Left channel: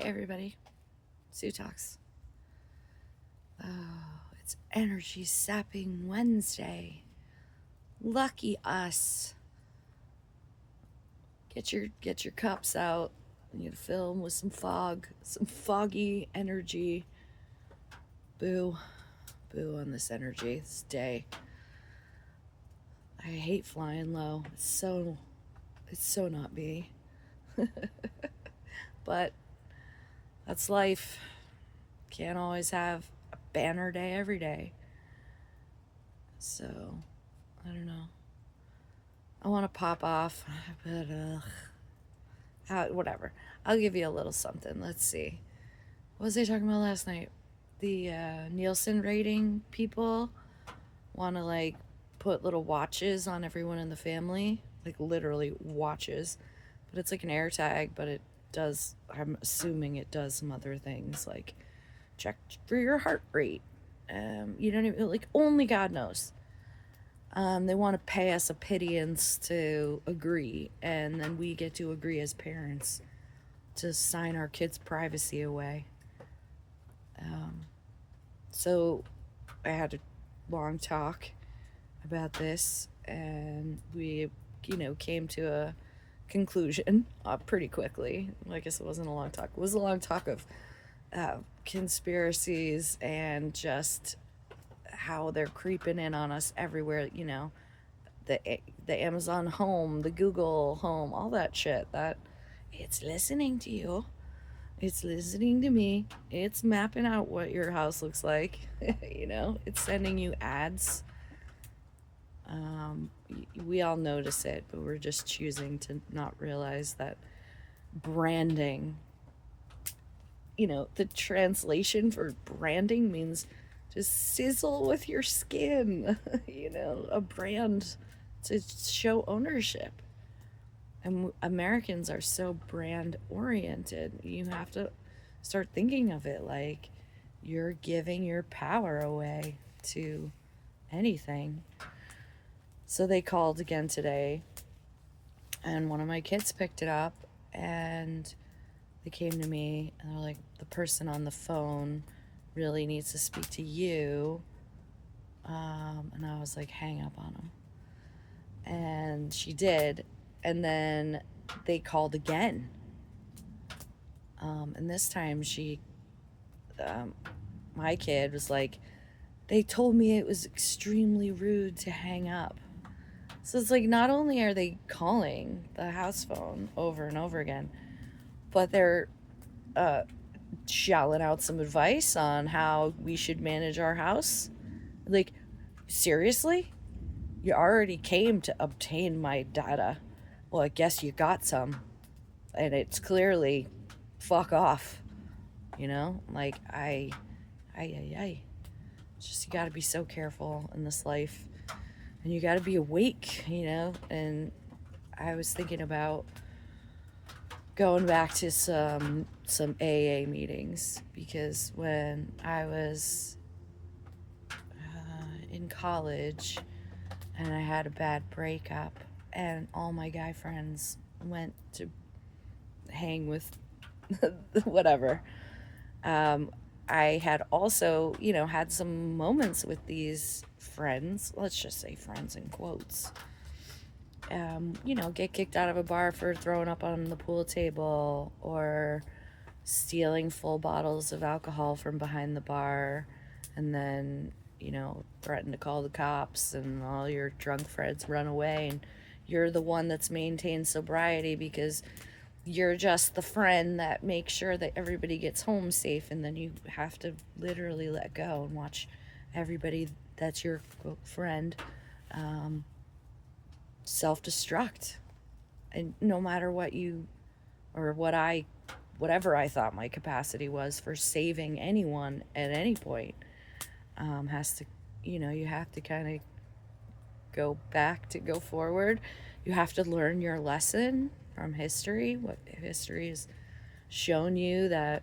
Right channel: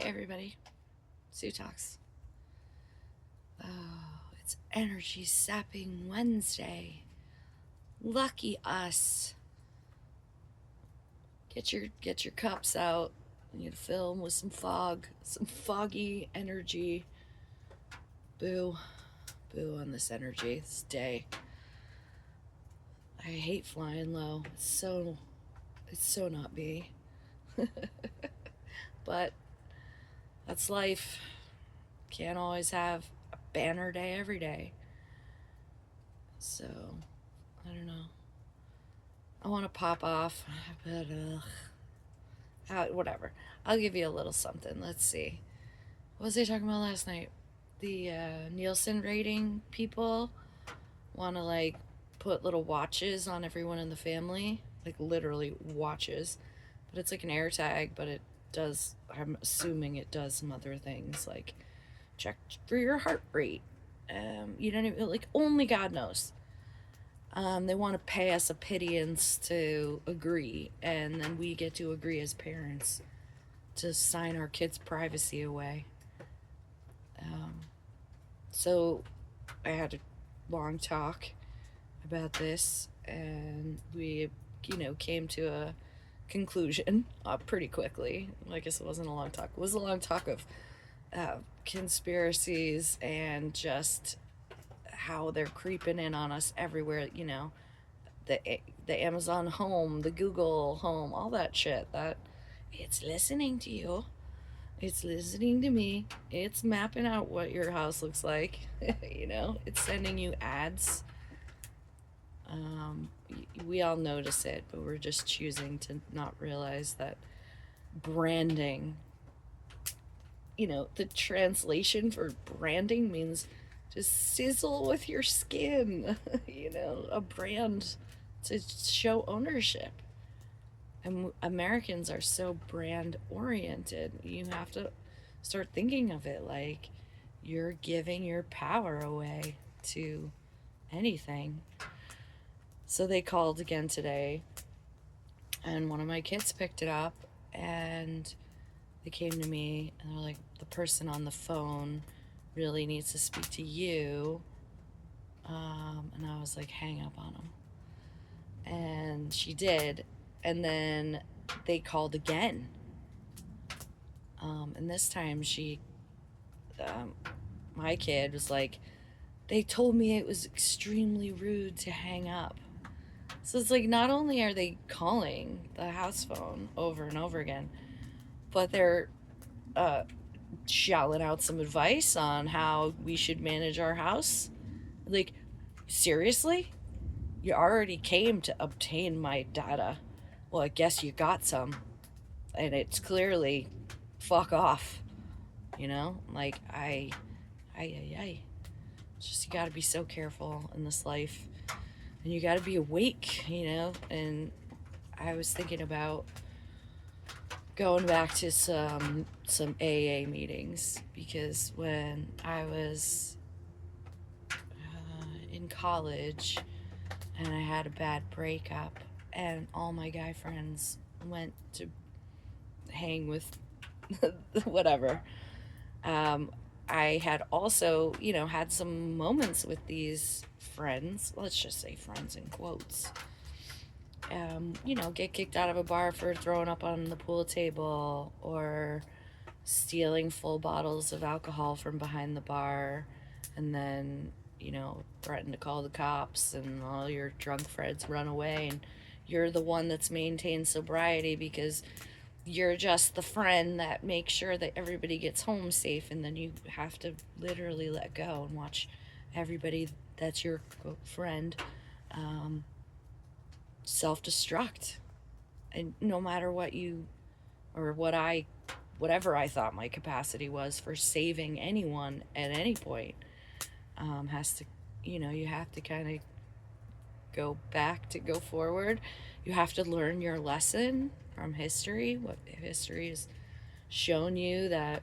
Hey everybody, Sue Talks. Oh, it's Energy Sapping Wednesday. Lucky us. Get your cups out. You need to fill them with some fog, some foggy energy. Boo, boo on this energy this day. I hate flying low. It's so not me. But that's life. Can't always have a banner day every day. So I don't know. I want to pop off, but whatever. I'll give you a little something. Let's see. What was I talking about last night? The Nielsen rating people want to like put little watches on everyone in the family, like literally watches. But it's like an air tag, but it does. I'm assuming it does some other things like check for your heart rate. You don't even like only God knows. They want to pay us a pittance to agree, and then we get to agree as parents to sign our kids' privacy away. Um, so I had a long talk about this, and we, came to a conclusion pretty quickly. I guess it wasn't a long talk. It was a long talk of conspiracies and just how they're creeping in on us everywhere. The the Amazon Home, the Google Home, all that shit. That it's listening to you. It's listening to me. It's mapping out what your house looks like. It's sending you ads. Um, we all notice it, but we're just choosing to not realize that branding, the translation for branding means just sizzle with your skin, a brand to show ownership. And Americans are so brand oriented. You have to start thinking of it like you're giving your power away to anything. So they called again today, and one of my kids picked it up, and they came to me and they're like, the person on the phone really needs to speak to you. And I was like, hang up on him. And she did. And then they called again. And this time um, my kid was like, they told me it was extremely rude to hang up. So it's like, not only are they calling the house phone over and over again, but they're uh, shelling out some advice on how we should manage our house. Like, seriously? You already came to obtain my data. Well, I guess you got some. And it's clearly fuck off. Like, I. It's just, you gotta be so careful in this life. And you gotta be awake, And I was thinking about going back to some AA meetings because when I was in college and I had a bad breakup and all my guy friends went to hang with whatever. I had also, had some moments with these friends, let's just say friends in quotes. Get kicked out of a bar for throwing up on the pool table or stealing full bottles of alcohol from behind the bar and then, threaten to call the cops and all your drunk friends run away and you're the one that's maintained sobriety because you're just the friend that makes sure that everybody gets home safe and then you have to literally let go and watch everybody that's your friend self-destruct. And no matter what you or whatever I thought my capacity was for saving anyone at any point, has to, you have to kind of go back to go forward. You have to learn your lesson from history, what history has shown you that,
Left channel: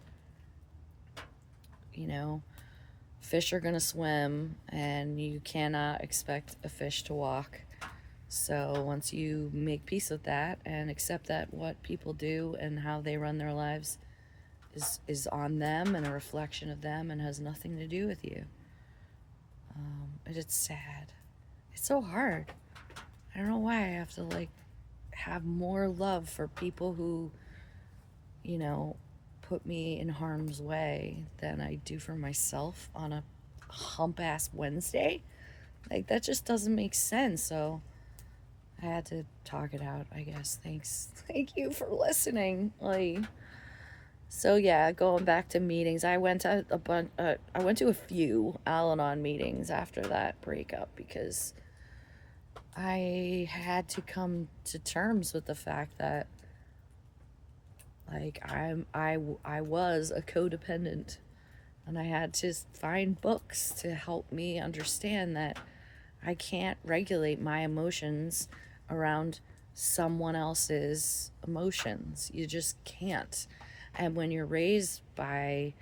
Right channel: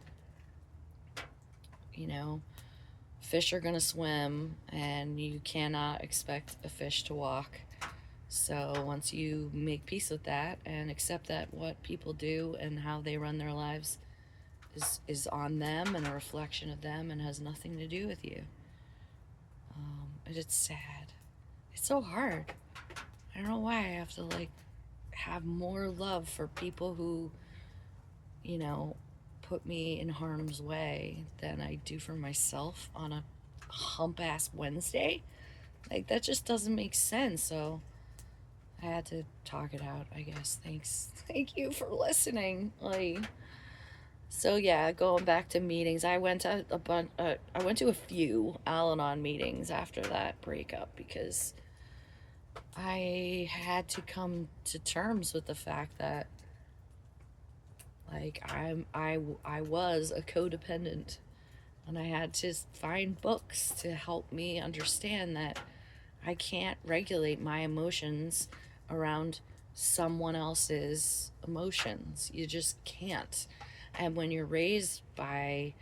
you know, fish are going to swim and you cannot expect a fish to walk. So once you make peace with that and accept that what people do and how they run their lives is on them and a reflection of them and has nothing to do with you. And it's sad. It's so hard. I don't know why I have to like have more love for people who, you know, put me in harm's way than I do for myself on a hump ass Wednesday. Like, that just doesn't make sense. So I had to talk it out, I guess. Thanks. Thank you for listening. Like, so yeah, going back to meetings, I went to a bunch. I went to a few Al-Anon meetings after that breakup because I had to come to terms with the fact that, like, I was a codependent, and I had to find books to help me understand that I can't regulate my emotions around someone else's emotions. You just can't. And when you're raised by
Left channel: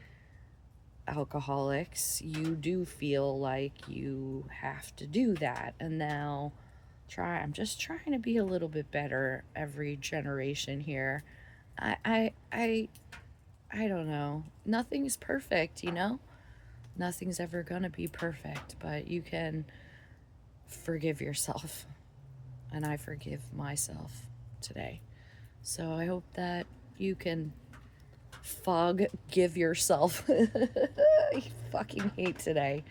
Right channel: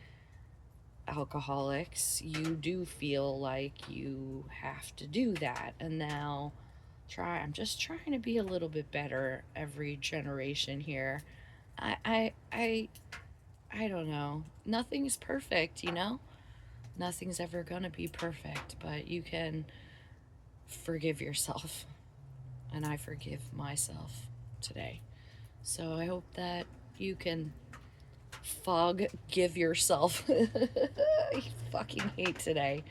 alcoholics, you do feel like you have to do that. And now I'm just trying to be a little bit better every generation here. I don't know. Nothing's perfect, you know? Nothing's ever gonna be perfect, but you can forgive yourself. And I forgive myself today. So I hope that you can give yourself. I fucking hate today.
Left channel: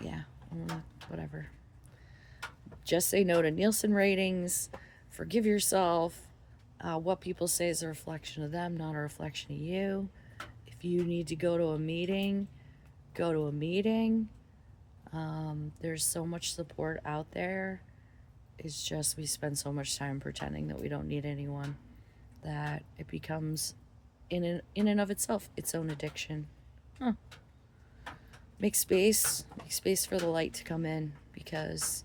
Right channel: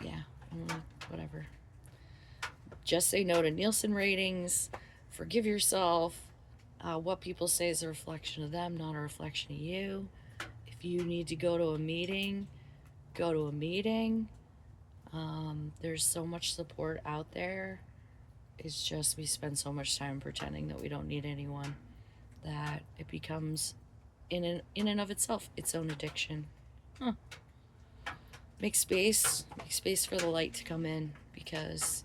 Yeah, whatever. Just say no to Nielsen ratings. Forgive yourself. What people say is a reflection of them, not a reflection of you. If you need to go to a meeting, go to a meeting. There's so much support out there. It's just we spend so much time pretending that we don't need anyone that it becomes, in and of itself, its own addiction. Make space for the light to come in, because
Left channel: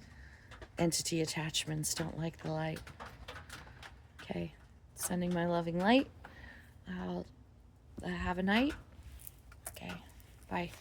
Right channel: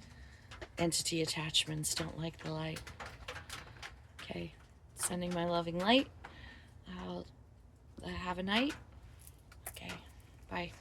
entity attachments don't like the light. Okay, sending my loving light. Have a night. Okay, bye.